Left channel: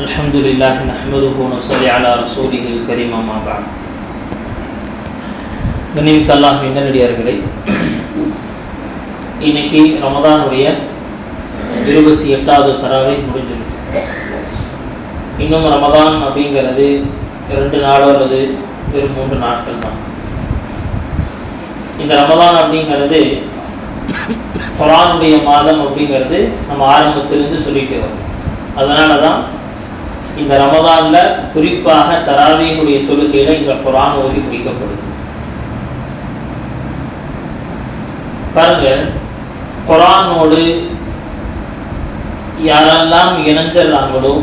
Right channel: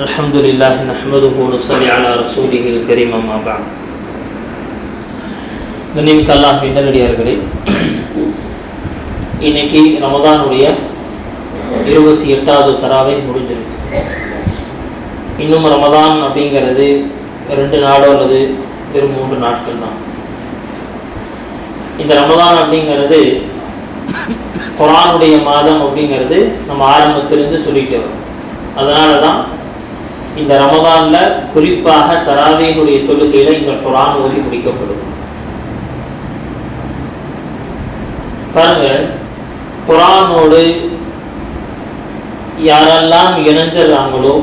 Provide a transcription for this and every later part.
الحمد لله نحمده ونصلي على رسوله الكريم ما بعد கண்ணிமிக்க அல்லாஹ் நல்லடியார்களே இன்னைக்கு ரமதானுடைய இருபத்தி எட்டாவது தராவை முடிஞ்சிருக்கு இன்னும் ரமதான் அப்படிங்கிறது ரெண்டு நாளோ அல்லது வெறும் மூன்று நாட்கள் தான் இந்த ரமதான் அப்படிங்கிறது குரானுடைய மாதம் அப்படிங்கிறது நம்ம ஆரம்பத்திலிருந்து சொல்லிட்டு வரோம் அதனால தான் இந்த ரமதானில் குறிப்பாக தராவியினுடைய தொழுகையில் இந்த குரான் ஓதி முடிக்கப்படுது பாருங்க குரானோடு யாரெல்லாம் இணைஞ்சிடுறாங்களோ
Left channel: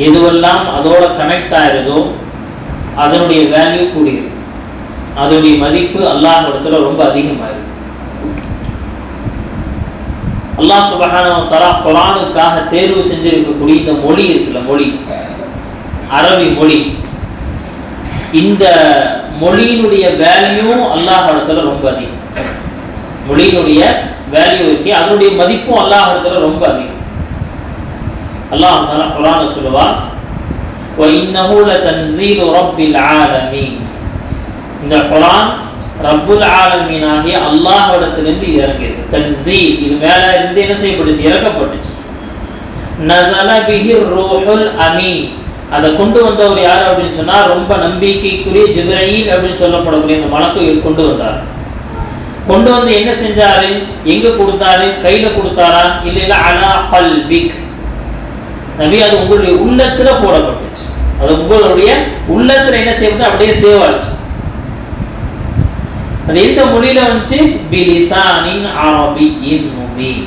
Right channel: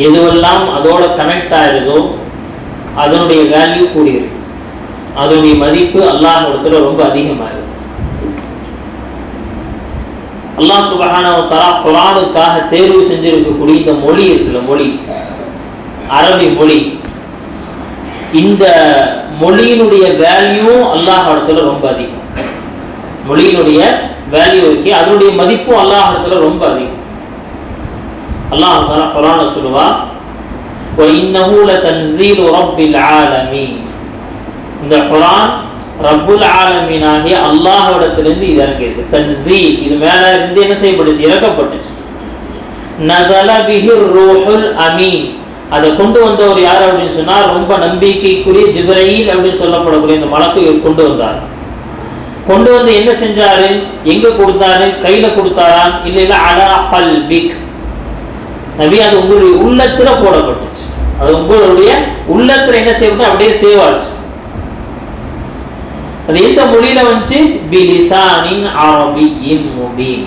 எதுவெல்லாம் அதோட கனெக்ட் ஆயிருதோ அதனுடைய வேல்யூ கூடியது அதனுடைய மதிப்பு அல்லாஹிடத்துல ரொம்ப அதிகமாயிருது அல்லா சுபஹானவ தரா குரானுக்காக தேர்வு செஞ்சிருக்கக்கூடிய இந்த மொழி இருக்குல்ல மொழி. அரபி மொழி. இந்த மொழியினுடைய வேல்யூ அல்லாஹிடத்துல ரொம்ப அதிகம். மொழியினுடைய வேல்யூ இருக்கு அதனுடைய மதிப்பும் அல்லாஹிடத்துல ரொம்ப அதிகம். அல்லாஹ் குரான சொல்லுவா இந்த குரான் ரப்புல் ஆலமீனாகிய அல்லாஹிடத்திலிருந்து இது இறங்கியிருக்கு. தன்சீல் இது மேல இருந்து என்ன செய்யப்பட்டுச்சு? இறக்கப்பட்டுச்சு. நசல பிஹி ரூஹுல் அமீன். அதை கொண்டு வந்தவர் யார் அப்படின்னு சொன்னால் ரொம்ப நம்பிக்கைக்குரிய ஜிப்ரீல் அப்படின்னு சொல்லப்படக்கூடிய இந்த மலக்கு இவர் கொண்டு வந்தார். கொண்டு வந்து என்ன செஞ்சாரு? எங்க கொடுத்தாரு? கையில கொடுத்தாரா இல்ல இல்ல அலா கல்பிக். நபி அது உங்களுடைய உள்ளத்துல போடப்பட்டுச்சு. அது உங்களுடைய உள்ளத்துல என்ன செய்யப்பட்டு அப்படியே சேவ் ஆச்சு. அது எந்த மொழியில வந்துச்சு பிலிசானின் அரபியின் முபீன்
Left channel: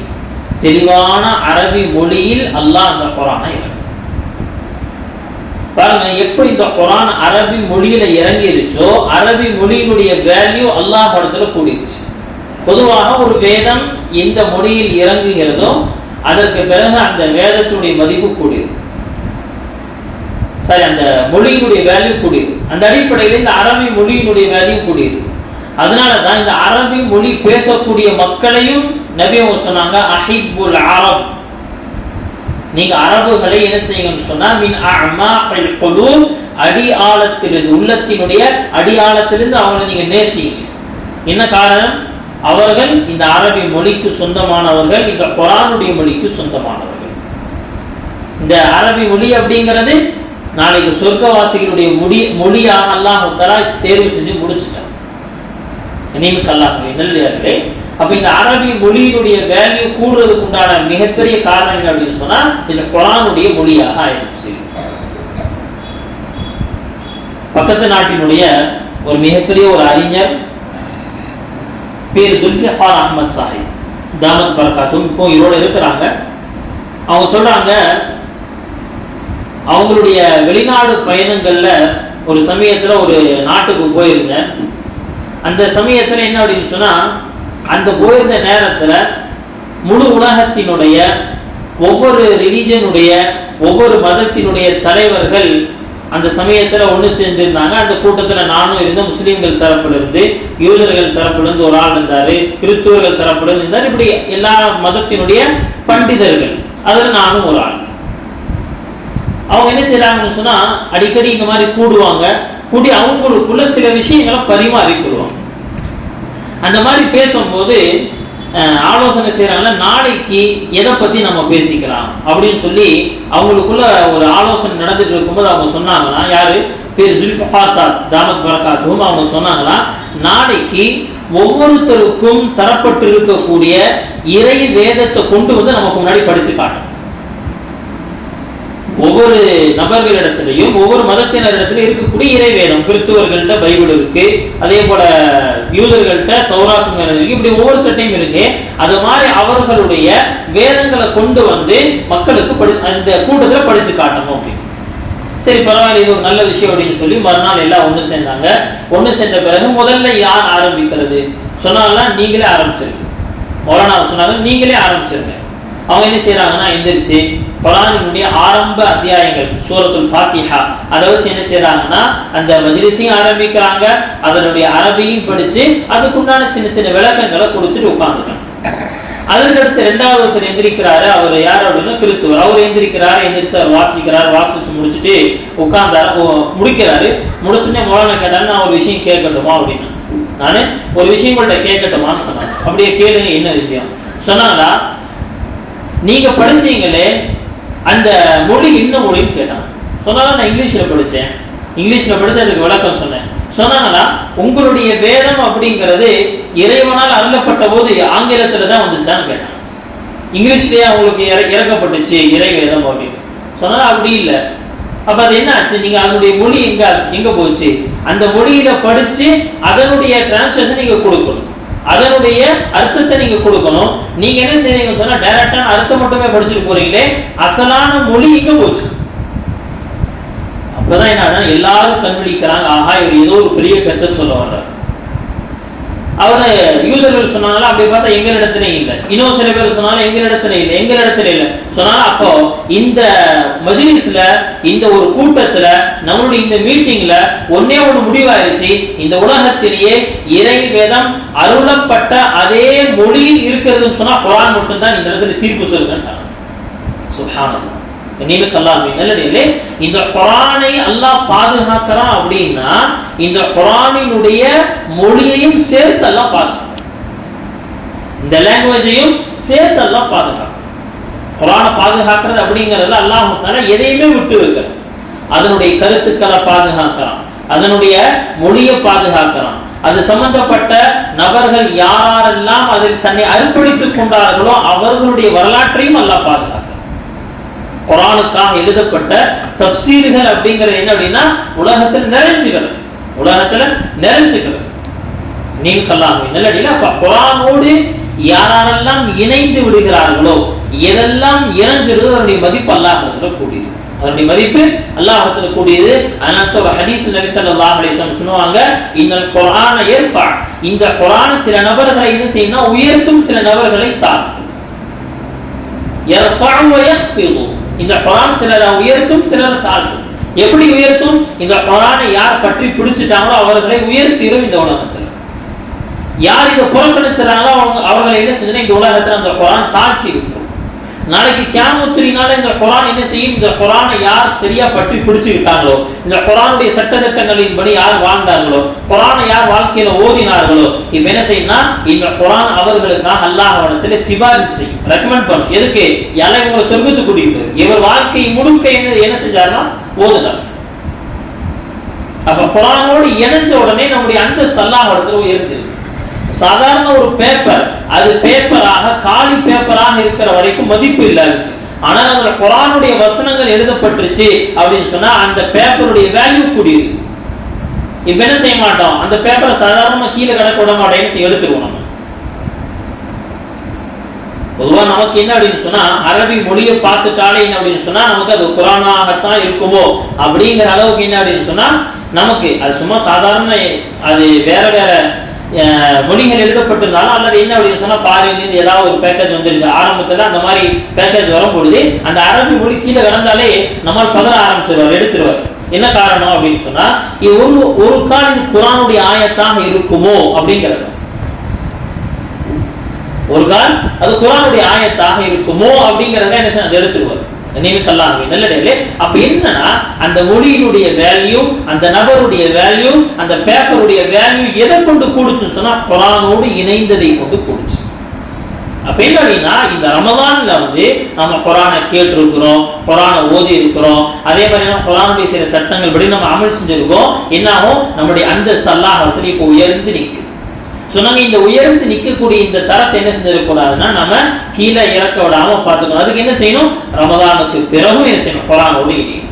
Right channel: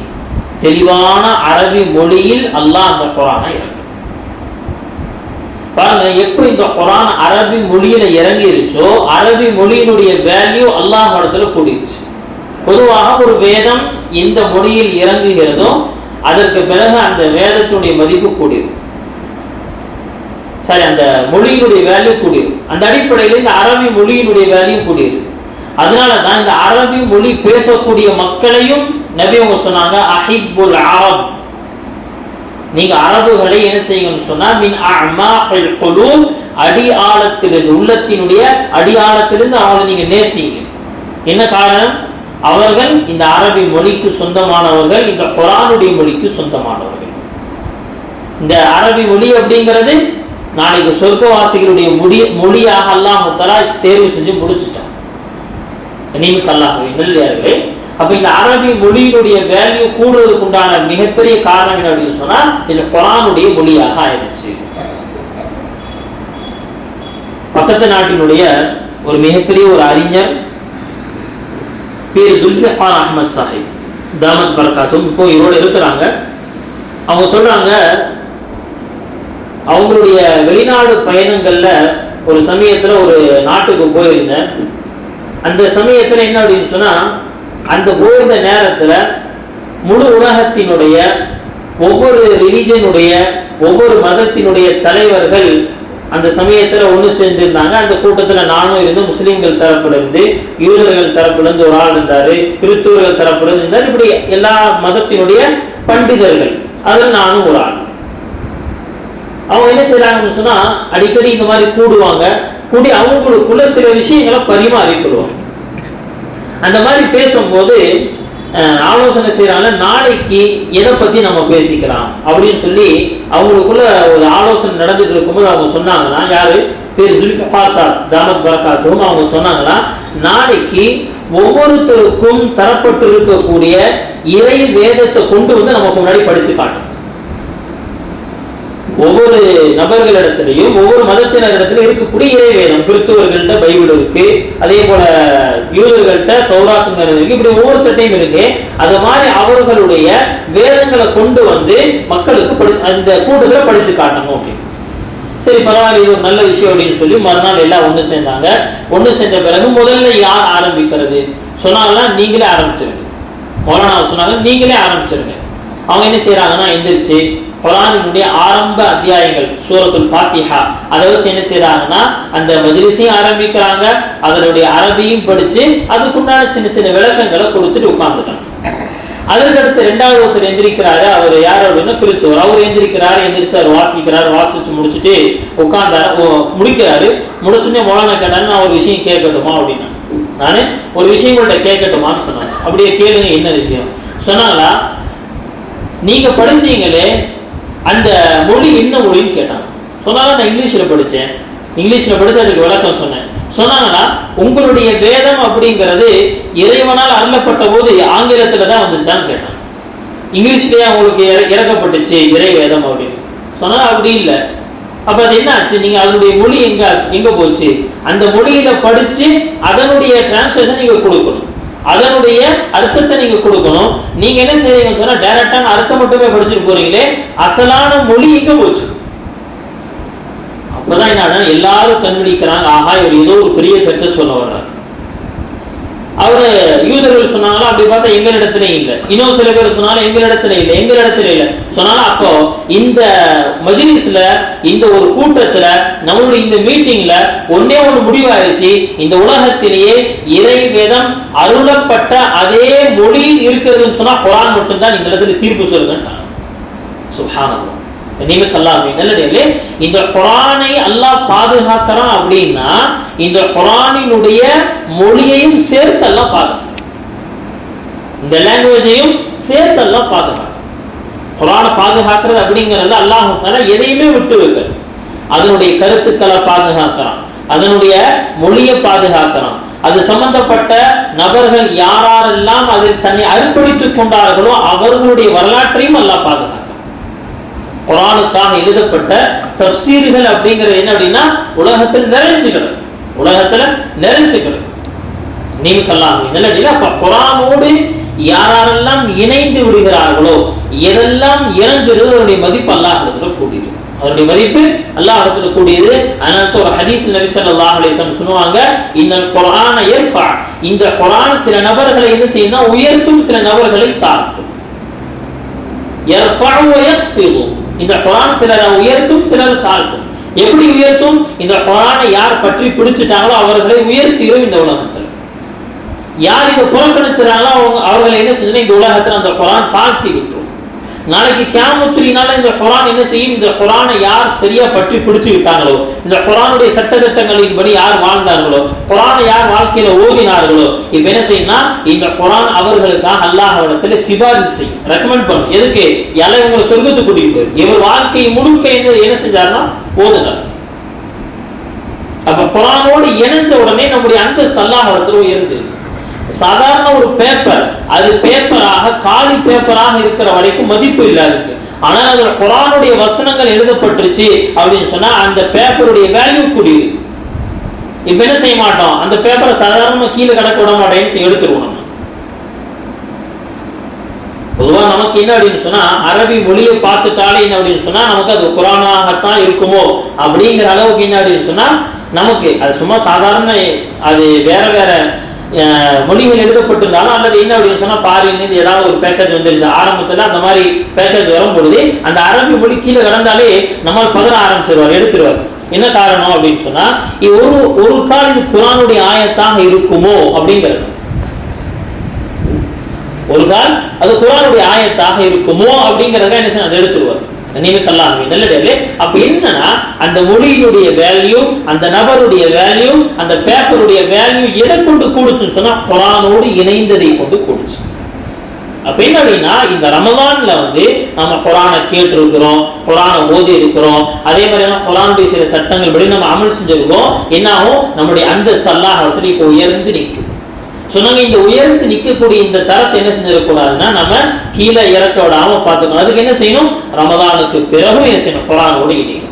தெளிவான அரபி மொழியில் அல்லாஹ் அந்த குரானை இறங்கு பாருங்க எப்போ இந்த குரான் அரபி மொழியில இறங்கிருச்சோ அரபி மொழியினுடைய வேல்யூ அல்லாஹ் இடத்துல கூடிருச்சு. பொதுவாக ஒரு வேதம் எந்த மொழியில் இறங்குகிறதோ அதற்கு பிறகு அந்த வேதத்தினுடைய மதிப்பு கூடிரும் சரி அந்த மொழியினுடைய வேல்யூ கூடிரும் அந்த அடிப்படையில் இந்த அரபி மொழியினுடைய வேல்யூ கூடிரும் அதனால தான் இந்த அரபி மொழி பேசக்கூடிய மக்களையும் நபி அவங்க சொன்னாங்க அஹிபுல் அரப். நீங்க அரபுகளை என்ன செய்யுங்கன்னு சொன்னா மின் அம்மா குலூப். அடி ஆழத்திலிருந்து உள்ளத்தினுடைய அடி ஆழத்திலிருந்து அவங்களை நீங்க நேசிங்க. என்ன காரணம்? அவர்கள் இந்த அரபி மொழிக்கு சொந்தமானவர்கள் இந்த குரானுடைய மொழிக்கு சொந்தமானவர்கள். இந்த அரபி மொழி அப்படிங்கிறது நாளைக்கு சொர்க்கவாசிகளுடைய மொழி மொழியாக அல்லாஹ் தேர்வு செஞ்சு முடிச்சுட்டான். நியமிக்க அப்போ இந்த அரபி மொழியினுடைய வேல்யூ கூடுறதுக்கு உண்டான மிகப்பெரிய காரணம் என்ன அப்படின்னு சொன்னா இந்த குரானுடைய மொழியாக ஆயிடுச்சு. பக்கத்து நாட்டினுடைய ஒரு மிகப்பெரிய ஒரு அறிஞர் பேர் துல்ஃபிகார் அஹமத் சாஹிப். தாமத் பர்காத்தும் இப்போ இதோட இருக்கிறாங்க. அவங்க சொல்கிறாங்க அவங்களுடைய வெளிநாடு பயணங்கள்ல ஒரு சமயத்துல ஒரு நாட்டுக்கு போயிருந்தேன். அந்த சமயத்தில் என்ன அப்படின்னு சொன்னால் அந்த போயிருந்த நேரத்தில் முழு உலகத்தினுடைய ஒவ்வொரு ரிலீஜனுடைய ஒவ்வொரு மதத்தினுடைய தலைவர்கள் அந்த சமயத்தில் ஒன்று சேர்ந்திருந்தாங்க. அந்த கூட்டத்தில் நானும் இருந்து முஸ்லீம்கள் தரப்பிலிருந்து யூதர்கள் தரப்பிலிருந்து ஒரு ஆள் இருந்தார் கிறிஸ்துவர்கள் தரப்பிலிருந்து இருந்தார். இப்படி எல்லா மதத்தினுடைய பண்டிதர்கள். அதில் நானும் ஒரு ஆள். அவங்க என்ன செய்கிறாங்கன்னு சொன்னால் அடிக்கடி இந்த மாதிரி கூடுவாங்க. கூடி அவங்களுக்குள்ள சில விஷயங்களை பரிமாறிக்கொள்வாங்க அந்த மாதிரி பேசும்போது ஆலோசனை செய்யறாங்க நாளைக்கு எதை பற்றி நம்ம பேசிக்கலாம் அப்படின்னு சொல்லி அவங்களுக்குள்ள ஒரு ஆலோசனை நடந்துட்டு இருக்கும்போது அவங்க சொன்னாங்கன்னா யார்? பேர் ஜுல்ஃபகார் சார் தாமத் பரகாத்தும் அவங்க சொன்னாங்கன்னா நாளைக்கு ஒவ்வொருத்தருக்கும் தரப்பட்டு இருக்கக்கூடிய இறை வேதத்தை கொண்டு வந்து நமக்கு முன்னாடி படிச்சு காட்டும் ஒவ்வொரு நபர்களிடத்திலையும் ஒவ்வொரு மதத்தினரிடத்திலும் இருக்கக்கூடிய இறை வேதம் கிறிஸ்துவர்கள்ட்ட பைபிள் இருக்கு அதே போல யூதர்கள்ட்ட தௌராத்துங்கிறது இருக்கு இப்படி ஒவ்வொருத்தட்டையும் இருக்கு. அது மாதிரி அவர்களுடைய வேதங்களை கொண்டு வந்து மக்களுக்கு படி அந்த கூட்டத்தில் படிச்சு காட்டணும் அப்படின்னு. சரி பரவாயில்ல இது ஒரு நல்ல விஷயம் அப்படின்னு சொல்லி மறுநாள் எல்லாம் ஒன்று சேர்ந்தாங்க. ஒன்று சேர்ந்த பிறகு முதல்ல யார் ஆரம்பிக்கிறது? சொன்னாலாம் நீங்களே ஆரம்பிச்சிருங்க. மௌலானா சொன்னாங்க நீங்களே ஆரம்பிச்சிருங்க. அவங்க என்ன செய்யறாங்கன்னா எந்திரிச்சு குரானினுடைய ஆரம்ப அத்தியாயங்கள் சூரத்துல் ஃபாத்திஹா. அதை வச்சு என்ன செய்யறாங்கன்னா அந்த மஜ்லிஸையும் ஆரம்பிக்கிறாங்க அதனுடைய அரபியும் படிச்சு அதுக்குண்டான சின்ன சின்ன விளக்கங்களை கொடுத்துட்டு உட்கார்ந்துட்டாங்க. அதற்கடுத்து ரெண்டாவது ஒருத்தர் எந்திரிக்கிறாரு அவர் யார் அப்படின்னா கிறித்துவர். அவர் எந்திரிக்கிறாரு எந்திரிச்சார் வாசிக்கிறார் வாசிச்சு முடிச்சுட்டு உட்கார்ந்தாரு முடிக்கிறாரு. முடிச்சுடனே மோலான கேட்டாரு நான் ஒரு விஷயம் கேட்கட்டுமா அப்படின்னா. நானு ஒரு விஷயம் உங்கள்ட்ட கேட்கட்டுமான்னு சொன்னாங்க. அப்படியே கேளுங்க என்ன விஷயம்? சொன்னாங்களா நீங்க படிச்சீங்களே அந்த மொழி என்ன மொழின்னு கேட்டான். சொன்னாங்க நான் இங்கிலீஷில் படித்தேன் இங்கிலீஷில் படித்து அதுக்கு விளக்கம் சொன்னேன். சொன்னாங்களா உங்களுடைய வேதம் அப்படிங்கிறது இறைவனால் அருளப்பட்ட போது ஆங்கிலத்தில் தான் வந்துச்சான்னு கேட்டான். இங்கிலீஷ்லேயே அவங்களுக்கு இற- இறக்கப்பட்டுச்சு இறை வேதம் அப்படின்னு. சொன்னாலும் அப்படி இல்லை. அப்போ அது என்ன ஆச்சு? நீங்கள் அதனுடைய மொழி எங்கே எங்கே போச்சு? அந்த மொழியில் படித்து அதனுடைய டிரான்ஸ்லேஷன் நீங்கள் கொடுக்கணும். அதனுடைய அர்த்தத்தை நீங்க கொடுக்கணும். நீங்க என்ன செய்யணும் சொன்னா டைரக்டான அர்த்தம் மட்டுமே படிச்சுட்டு போறீங்களே அசலான மொழி இங்க போச்சு. அப்பதான் என்ன எல்லாரும் கண்டுபிடிக்கிறாங்க ஆஹா இவர் ஏதோ ஒரு பெரிய கருத்தை சொல்ல வர்றாரு. அவர் யூதர்கள் சொன்னாங்களா? அப்படி பார்த்தா எங்களிடத்துல இல்லை. இன்னும் சில பேர் சொன்னாலும் எங்களிடத்துல இல்லை. எங்களிடத்துல இல்லை. சொன்னாலும் அப்போ இந்த மஜிலிஸ்ல இந்த ஒரு கூட்டத்துல நம்மளுடைய இந்த மீட்டிங்ல ஒன்னே ஒன்று முடிவாயிருச்சு. இந்த உலகத்திலேயே இறை வேதம் அருளப்பட்ட அதே மொழியில் இருக்கிறதுன்னு சொன்னா குரான் மட்டும்தான் இந்த இடத்துல தீர்ப்பு சொல்லுங்க சுப்ஹானல்லாஹ் நினைவுக்கு அல்லாஹ் இந்த குரானை அல்லாஹ் பாதுகாக்கிறான் அப்படின்னா இந்த குரானினுடைய மொழியையும் சேர்த்து எல்லாம் பாதுகாக்கும். இந்த லாங்குவேஜையும் சேர்த்து எல்லாம் பாதுகாக்கும். குரானை பாதுகாக்கிறது அப்படிங்கிறது அல்லாஹ் எதையுமே விட்டு வைக்கல. அதனுடைய கருத்துக்களை பாதுகாக்கிறான். அதனுடைய மொழியை பாதுகாக்கிறான். அது சம்பந்தப்பட்ட நபர்கள் யாரெல்லாம் அதில் தன்னை அர்ப்பணித்துக் கொண்டார்களோ அவர்களுடைய வரலாற்றையும் அல்லாஹ் பாதுகாக்கிறான். குரானுக்காக எழுதப்பட்ட தப்சீர்கள் அப்படிங்கிறது என்ன அப்படின்னா உலகத்தில் நிறைஞ்சுகிறது உலகத்தில் உலகத்துல நிறைஞ்சு கல்லாம் நீங்கெல்லாம் நல்லடியில் அப்ப குரானோடு யாரெல்லாம் இணைந்து விடுகிறார்களோ எதெல்லாம் இணைஞ்சிருது அதனுடைய மதிப்பு அல்லாஹத்துல கூடியது. அதனுடைய மதிப்பு அல்லாஹத்துல கூடியது. அதனால ஒரு ஹதீஸ் நபி ஸல்லல்லாஹு சொல்லுவாங்க இந்த குரான ஏற்பா இந்த குரான் சில நபர்களை என்ன செய்யணும் உயர்த்தும் சில நபர்களை தாக்கும். யர்ஃபஉ வ இந்த குரான் சிலரை உயர்த்தும் சிலரை தாழ்த்தும். எப்படி உயர்த்தும்? இந்த குரானை யார் பற்றி பிடிச்சிட்டாங்களோ அவர்களை உயர்த்திடும் இந்த உலகத்தில். யார் இதை புறக்கணிச்சிடறாங்களோ அவங்க அவர்களை என்ன செஞ்சு இந்த உலகத்தில் அந்த குரான் தாழ்த்தி விட்டுரும். நாளைக்கு கியாமத்துரினால இந்த குரான் என்ன செய்யும்? இந்த குரானை யார் சரியா பற்றி பிடிச்சு விட்டாங்களோ இந்த குரானுடைய சட்டத்திட்டங்களின்படி யார் வாழ்ந்தார்களோ குரானை யார் வாழ்க்கையில ஓதினார்களோ இப்ப என்ன செய்யும்னா இந்த குரான் அவர்களுக்காக அல்லாஹ் சிபாரிசு செய்யும் ரெக்கமெண்ட் பண்ணும். எதுக்கு? எல்லாம் இவங்களை சொர்க்கத்துக்கு கூட்டிட்டு இவர் வாழ்க்கை முழுக்க என்ன என்ன செஞ்சாருன்னா ஓதுனார். அப்ப குரானோடு இணைஞ்ச உடனே நம்முடைய அந்தஸ்து அல்லாஹ் இடத்துல உயர்ந்திருக்கு சாதாரண ஒரு பேப்பர் அது பேப்பராக காலி பேப்பராக இருக்கிற வரைக்கும் மதிப்பு இல்லாது. ஆனால் அதில் குரானுடைய வசனங்கள் எழுதப்பட்டுருச்சு அப்படின்னு சொன்னால் அந்த பேப்பருடைய வேல்யூ கூடியது. இப்போ என்ன செய்ய மாட்டோம்? அந்த பேப்பரை சாதாரணமாக கீழே கணக்கு விட மாட்டேன்னு எடுத்துருவோம் நம்ம. பொதுவாக நமக்கு என்ன அப்படின்னு சொன்னால் அரபி மொழியை பார்த்துட்டாலே என்ன அப்படின்னு சொன்னால் நமக்கு அது குரானாகத்தான் இருக்குமோ அப்படிங்கிற அளவுக்கு என்ன அப்படின்னு சொன்னால் நமக்கு அது சும்மா சாதாரண அது வேற வேற மொழிகள் எழுதப்பட்டிருந்தாலும் அல்லது என்ன அப்படின்னு சொன்னா ஃபாரின்ல ஏதாவது ஒரு பேக்கேஜ் வந்துருச்சு. ஆரம்பத்துல அந்த மாதிரி பேக்கேஜ் வரும் பொழுது அந்த அரபி மொழி கீழே கிடந்தாலே நம்மால் பதற ஆரம்பிச்சிருவார் எடுத்துருவார். என்ன காரணம் அப்படின்னு சொன்னா இது ஒரு ஒரு கால் இது குரானுடைய ஆயத்தாக இருக்குமோ அப்படிங்கிறது. ஒரு கால் அது குரானுடைய ஆயத்தாக இருக்குமோ அப்படிங்கிறத என்ன செய்ய அதை எடுத்துருவார். நினைவுக்கெல்லாம் நல்லடையிலே அப்ப என்னன்னா அந்த ஒளியினுடைய வேல்யூ அந்த நபருடைய வேல்யூ அந்த பேப்பருடைய வேல்யூ எதை கொண்டு கூடுச்சுன்னு சொன்னா குரானோடு இணைந்ததை கொண்டு கூடுச்சு. அப்ப என்ன அப்படின்னா இந்த ரமதான்ல வந்து நம்ம குரானை கேட்டிருக்கிறோம் குரானை ஓதி இருக்கிறோம் அதே மாதிரி நம்ம குரானுடைய சில சட்டங்கள் படி நம்ம அமல் செஞ்சிருக்கோம். என்னாகும் நம்முடைய அந்த அல்லாஹத்துல இப்போ உயர்ந்து நிற்குது சொன்னாங்க இந்த உயர்ந்து நிற்கக்கூடிய இந்த தரத்தை என்ன செஞ்சிடக்கூடாதுன்னா நம்ம கீழே இறக்க விடாம பார்த்துக்கணும். அதுக்கு என்ன செய்யணும்? ரமதானுக்கு பிறகும் என்ன செய்யணும்? குரான் இணையணும்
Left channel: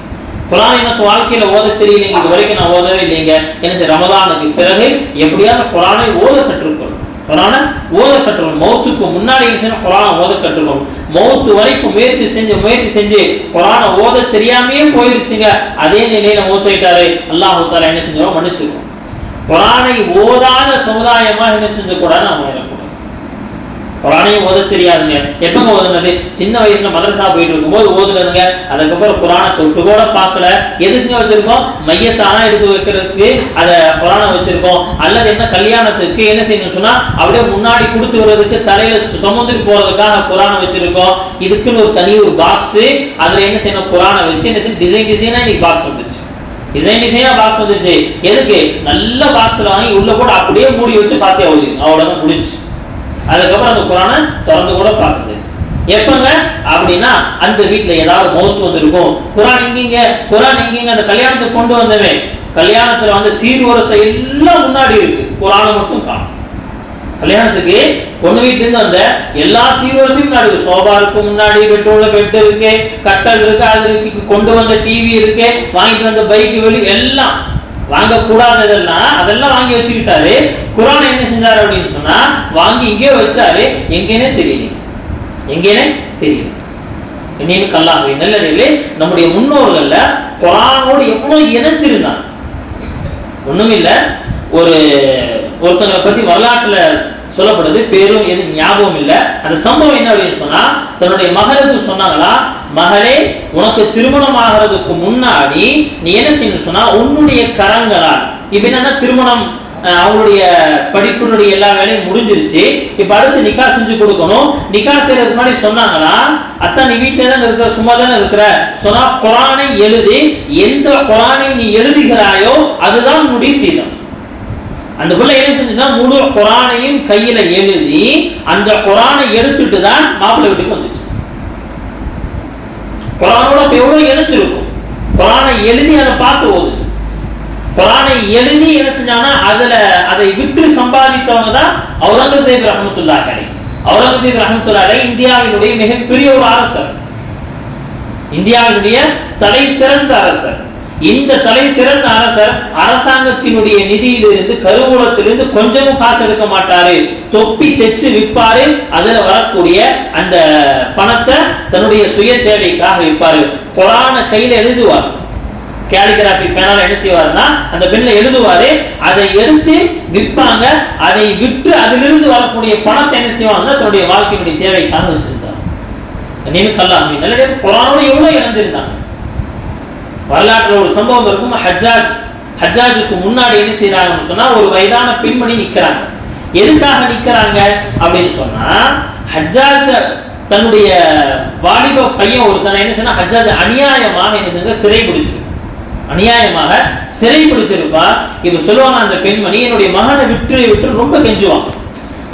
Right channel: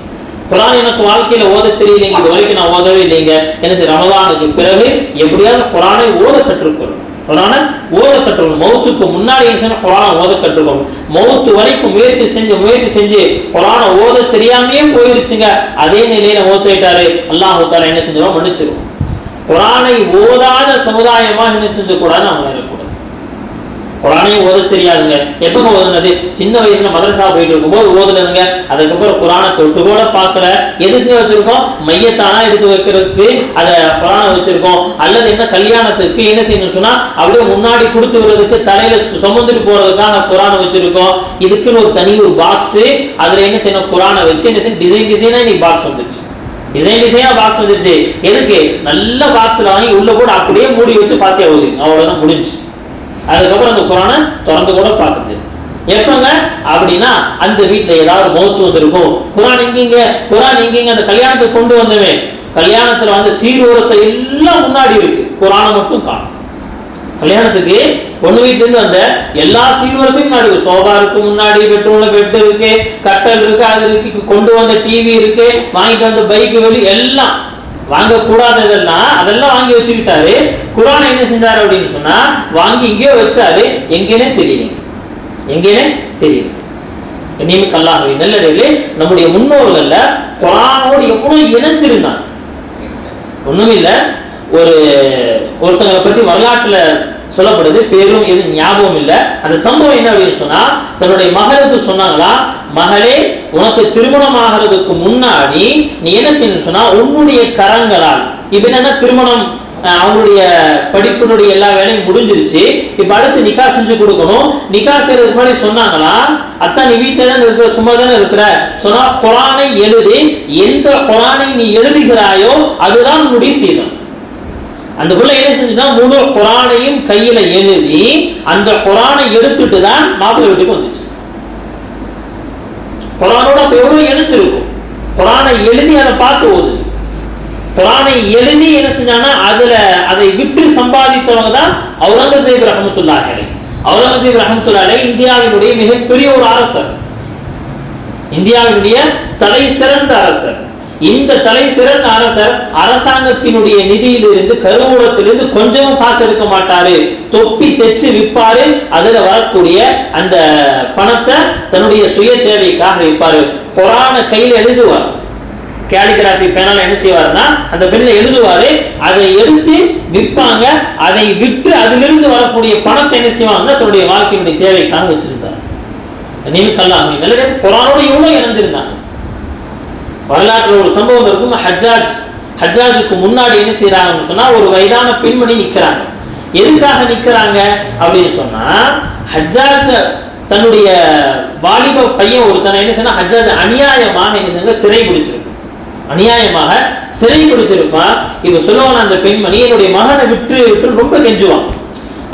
குரான் எனக்கு வாழ்க்கையில ஓத தெரியலைங்க. இது வரைக்கும் நான் ஓதவே இல்லைங்க. என்ன செய்ய ரமதானுக்கு பிறகு எப்படியாவது குரானை ஓத கற்றுக்கணும் குரானை ஓத கற்றுக்கணும் மௌத்துக்கு முன்னாடி என்ன செய்யணும்? குரானை ஓத கற்றுக்கணும் மௌத்து வரைக்கும் முயற்சி செஞ்சு முயற்சி செஞ்சு குரானை ஓத தெரியாமையே போயிருச்சுங்க. அதே நிலையில மௌத்தாயிட்டாரு அல்லாஹு தாலா என்ன செஞ்சோம் மன்னிச்சிருக்கோம் குரானை ஓதாத சமுதாயமா என்ன செஞ்சக்கூடாது? நம்ம இருக்கக்கூடாது குரானையும் ஓத தெரியாதுங்க. எப்பங்க ஓதுனது? சின்ன வயசுல மதரசா போயிட்டு இருக்கும்போது ஓதுனதுங்க. அதுக்கப்புறம் குரானை தொட்டு கூட பார்க்கல. எதுக்கு வச்சிருக்கோம்? மையத்தானா எடுத்து வைக்கிறதுக்கு அதை குரானை வச்சிருக்கோம். அல்லது என்ன கல்யாணத்துக்கு என்ன செய்யணும் சொன்னா அப்படியே முன்னாடி கொடுத்து விடுறதுக்கு தலையில சுமந்துட்டு போறதுக்காக குரானை வச்சிருக்கோம். இதுக்குன்னு ஒரு தனி ஒரு பாக்ஸ் அதுல என்ன செய்யணும்? குரானை வச்சு என்ன செய்யணும் டிசைன் டிசைனா இன்னைக்கு பாக்ஸ் வந்துருச்சு. டிசைன் டிசைனா பாக்ஸ் வந்துருச்சு. எதுக்கு? நல்ல பாக்ஸ்ல வாங்கி உள்ள கூட அப்படியே மூடி வச்சு பாத்தியா ஓதி அவ்வளவுதான் முடிஞ்சு அதுக்கப்புறம் அந்த குரானை திறந்து கூட பார்க்குது. எப்பங்க? அப்படின்னா அந்த வீட்டுல ஏதாவது மௌத்து வந்திருக்கும். குரான் இங்கிங்க குரான் இங்கிங்க அந்த கல்யாணத்துக்கு கொண்டு வந்தவன். கல்யாணத்துல வந்து சீர்வரிசை எல்லாம் முன்னாடி இருக்கு. குரானை மட்டும் காணும். கல்யாணத்துக்கு பொண்ணு வீட்டுல இருந்து வந்த எல்லா சீர்வரிசையும் முன்னாடி சோபா இருக்கு முன்னாடி பெட்ரூம்ல பெட் இருக்கு கட்டல் இருக்கு அது இருக்கு. கொண்டு வந்த டிவி இருக்கு வாங்கிட்டு வந்த பைக் வெளி எல்லாம் வாங்கக்கூடாததெல்லாம் அதெல்லாம் வாங்கி வச்சுக்கிட்டாரு. குரான் என்ன செஞ்சாரு அப்படின்னு சொன்னா வாங்கி இங்கேயே வச்சாரு. எங்கேனே தெரியல. எங்கேனே தெரியல. இனிமே கல்லாக நல்லதே நம்முடைய முன்னோர்கள்ல குரானோடு எவ்வளவு இணைஞ்சிருந்தாங்க ஒண்ணுமில்ல ஒரு ஒருத்தங்களை பத்தி வரலாற்றுல சொல்லப்படுது பேரும் எது ஞாபகம் இல்லை. அந்த சம்பவம் என்ன அப்படின்னு சொன்னா தன்னுடைய மகளுக்கு சொன்னாங்களா மகளே உனக்கு திருமணம் ஆகிறதுக்கு முன்னாடி நீ என்ன செய்யணும் சொன்னா உன்னுடைய கரங்களால். இப்ப என்னன்னா திருமணம் அஹ், அவங்களுடைய படிப்பினுடைய எல்லா வேலையும் முடிஞ்சிருச்சு. இப்போ அடுத்து நிக்கா செஞ்சு கொடுக்கணும். நிக்கா செய்யறதுக்கு முன்னாடி சொன்னாங்களா அத்தா நீ வீட்டுல தானே இருக்கிற சும்மா தானே இருக்கிற? சொன்னா குரானை எழுதி. எந்த குரானை நீ எழுதுகிறாயோ அதுதான் உன்னுடைய சீதம் அந்த பிள்ளை என்ன செஞ்சுன்னா முழு குரானையும் கையில எழுதி அந்த குரானை எடுத்துட்டு தான் மாப்பிள்ளை வீட்டுக்கு வந்துச்சு. குரானோட அப்ப எவ்வளவு எழுத்து இருக்கும்? குரானை எழுதி அதை பார்த்து ஓதுச்சு குரானை எழுதி என்ன செஞ்சாங்கன்னா அதுல அதை விட்டு சம்பாதித்தவங்க தான் அவுரங்கசீப் ரஹமத்துல்லா கடை அவுரங்கசீப் ரஹமத்துல்லா கடை இந்தியாவினுடைய மிகப்பெரிய ஒரு அரசர். இந்தியாவினுடைய தலை சிறந்த அரசர். இந்த தலை சிறந்த அரசர் அரசாங்கத்தினுடைய நிதியிலிருந்து கருவூலத்திலிருந்து கொஞ்சமும் காசு எடுக்க மாட்டாரு. தொப்பி தைச்சு விற்பாரு. அதுல வரக்கூடிய அந்த பணத்தை தன்னுடைய சுய தேவைக்காக விற்பாரு. புராண கையில எழுதுவார். கேலிகிராஃபி பேனால என்ன செய்வாருன்னா அந்த பெண்ணை எழுதுவாரு அதை எடுத்து விற்பாங்க. அதை விற்று அதிலிருந்து வரக்கூடிய பணத்தை என்ன செய்வாங்கன்னா தன்னுடைய வாழ்க்கையினுடைய தேவைக்காக வச்சிருந்தார் நீங்க கல்லாம் நல்ல இவ்வளவு இணைஞ்சிருந்தாங்க. வரலாற்றில் ஒரு சம்பவம் இருக்கும்? ஹஜ்ஜாஜ். ஹஜ்ஜாஜுக்கு முன்னாடி என்ன செய்யறாங்கன்னு சொன்னா ஒரு வயதான பெண்மணி நிற்கிறாங்க எதுக்காக நிற்கிறாங்க அப்படின்னு சொன்னா ஹஜ்ஜாஜ் தன்னுடைய வாலிப பையன் ஒருத்தனை என்ன சொன்னால் ஹஜ்ஜாஜ் அநியாயமாக என்ன செஞ்ச சிறை பிடிச்சிருக்கு. அநியாயமாக சிறை பிடிச்சிருப்பான் இப்ப சொல்லுவாங்க அந்த பெண்மணி என்னுடைய மகனை விட்டு விட்டு ரொம்ப கெஞ்சுவான்.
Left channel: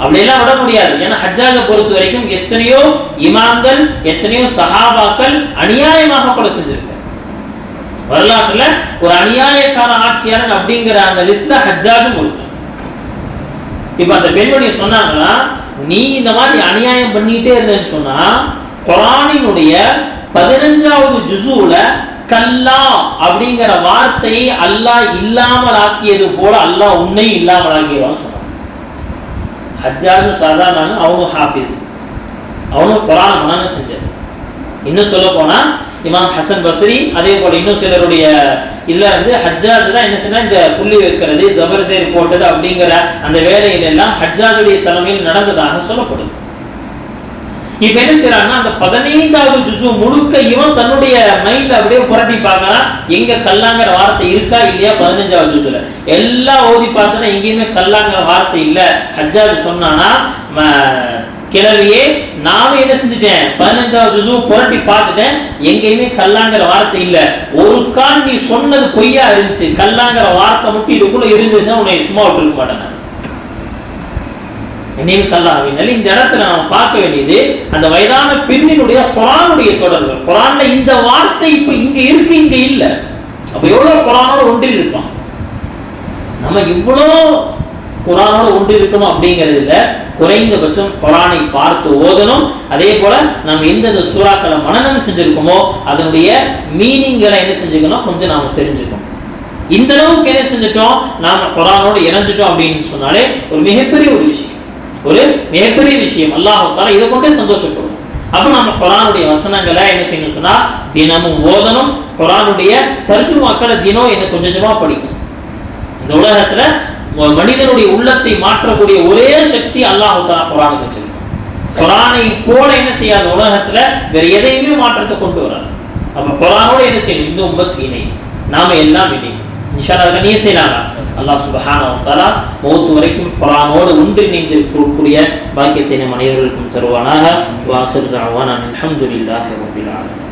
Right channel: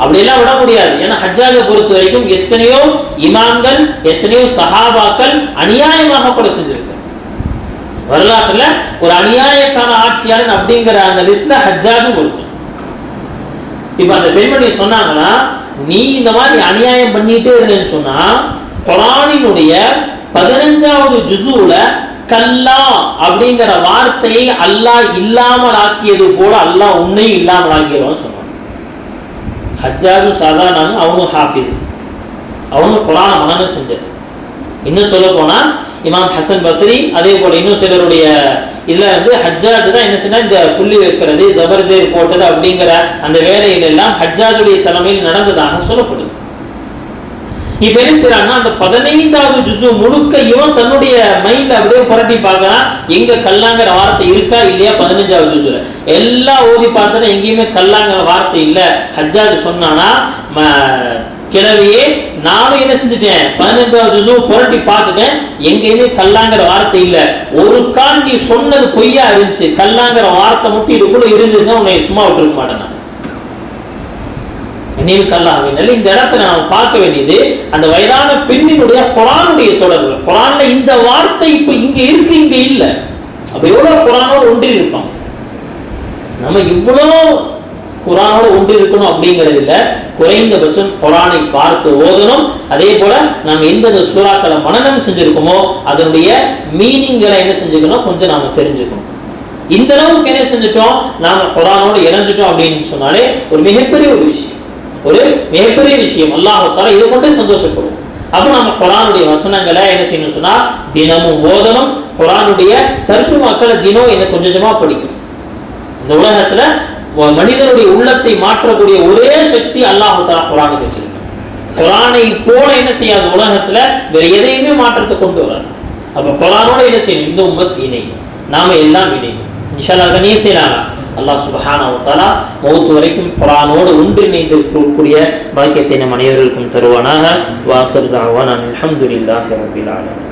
அப்படியெல்லாம் விட முடியாது. ஏன்னா ஹஜ்ஜாஜை பொறுத்த வரைக்கும் எத்தனையோ இமாம்கள் எத்தனையோ சஹாபாக்கள் அநியாயமாக கொலை செஞ்சிருக்கு வரலாற்றுல ஒரு அநியாயக்கார ஆட்சியாளன் அப்படிங்கிற அந்த லிஸ்ட்ல ஹஜ்ஜாஜும் ஒருத்தன் இப்ப அந்த பெண்மணி சொன்னாங்கன்னா நீ இந்த மாதிரி அநியாயம் பண்ணிட்டே இருந்தேன்னு சொன்னா குரானினுடைய பதினஞ்சாவது ஜுசுல கல்லா அப்படிங்கிற வார்த்தையை அல்லாஹ் இல்லாமல் ஆக்கியது போல அல்லாஹ் உன்னையும் இல்லாமல் ஆக்கிடுவான்னு சொன்னான். ஹஜ்ஜாஜும் சாதாரண அவனும் ஹாஃபிஸ். அவனும் குரான மனநம் செஞ்சது. இன்னும் சொல்ல போனால் இமாம் ஹசன் பஸ்ரி அதே போல இன்னும் சிலருடைய இல்ல வந்து ஹஜ்ஜாஜ் தான் என்ன சொன்னால் இந்த புள்ளி வைக்கிறது ஜபர்சேர் போட்டது அப்படிங்கிற அந்த வேலையில எல்லாம் ஹஜ்ஜாஜுடைய தலைமையில் நடந்ததாக சொல்லப்படும். இப்ப என்ன செய்யறாங்கன்னா அந்த பதினைந்தாவது ஜுசு முழுக்க இவன் தன்னுடைய மைண்ட்ல அப்படியே புரட்டி பார்க்கலாம் எங்க கல்லாங்கிற வார்த்தை இருக்கா இல்லையா பதினஞ்சாவது ஜுசுல எல்லாம் ஓதி பார்த்தனா எங்கேயுமே கல்லாங்கிற வார்த்தை இல்ல. ஹஜ்ஜாஜ் சொன்னானா கிளவியே நானும் என்ன செஞ்சுட்டேன்? பதினஞ்சாவது ஜூ புரட்டி பார்த்துட்டேன். எங்கேயுமே கல்லாங்கிற வார்த்தை இல்லை. ஒரு கால் நீ சொன்னது பொய்யா இருந்துச்சு. கல்லாங்கிற வார்த்தை மட்டும் இதுக்குள்ள இருந்துச்சுன்னா உன்னை சும்மா விட்டுருக்க மாட்டேன் நான். நினைவு கல்லாவினால் இந்த இடத்துல நாம் பார்க்க வேண்டியது அந்த வயதான பெண்ணினுடைய குரானுடைய தொடர்பு. குரான்ல இந்த வார்த்தை இப்ப இங்க இருக்கு இங்க இல்ல. அப்ப எவ்வளவு குரானோடு ஒன்றி இருப்பான் நம்ம இவ்வளோ குரானோடு ஒன்று இருக்கணும் அப்படிங்கிறது இல்லை குறைந்தபட்சம் குரானை பார்த்து ஓதணும். அதே போல நாம் எந்தெந்த சூறாக்களை மனநம் செஞ்சிருக்கோமோ அதனுடைய மீனிங்களை என்ன செஞ்சுக்கணும் கொஞ்சம் நாம் தெரிஞ்சுக்கணும். இந்த அளவுக்கு என்ன செஞ்சுட்டோம்? நாம குரானோடு இணைஞ்சிட்டோம் அப்படின்னு சொன்னாலே ஒரு மிகப்பெரிய ஒரு விஷயம். ஒரு மிகப்பெரிய விஷயம். அல்லாஹால இதை கொண்டே சந்தோஷப்படும் அப்போ நம்ம குரானுடைய வசனங்களை என்ன செய்யணும் சொன்னா தினமும் ஓதணும். குரானுடைய மக்களை தினம் என்ன கொஞ்சம் கொஞ்சமா படிக்கணும். இந்த உலகத்துல மனிதனுடைய உள்ளத்தை மாற்றக்கூடிய ஒரே சக்தி அல்லாஹு தாலா குரானுக்கு வச்சிருக்கேன். குரானை போல என்ன செய்யாது? உலகத்துல வேற எதையுமே மாற்றத்தை கொண்டு வராது. அப்ப குரானோட என்ன செய்யணும்? இந்த உம்மத் இணை நாம எல்லாம் இணை இன்ஷால்லா அதை நீ செய்யலாம் அல்லாஹ் சுபஹானா மௌத்து வரைக்கும் குரானோடு ஒன்றிணைந்து இருக்கக்கூடிய பாக்கியத்தை நம் அனைவருக்கும் தருவானாக. வாசர் தாவான் அலமதுல்லாஹி ரப்பில்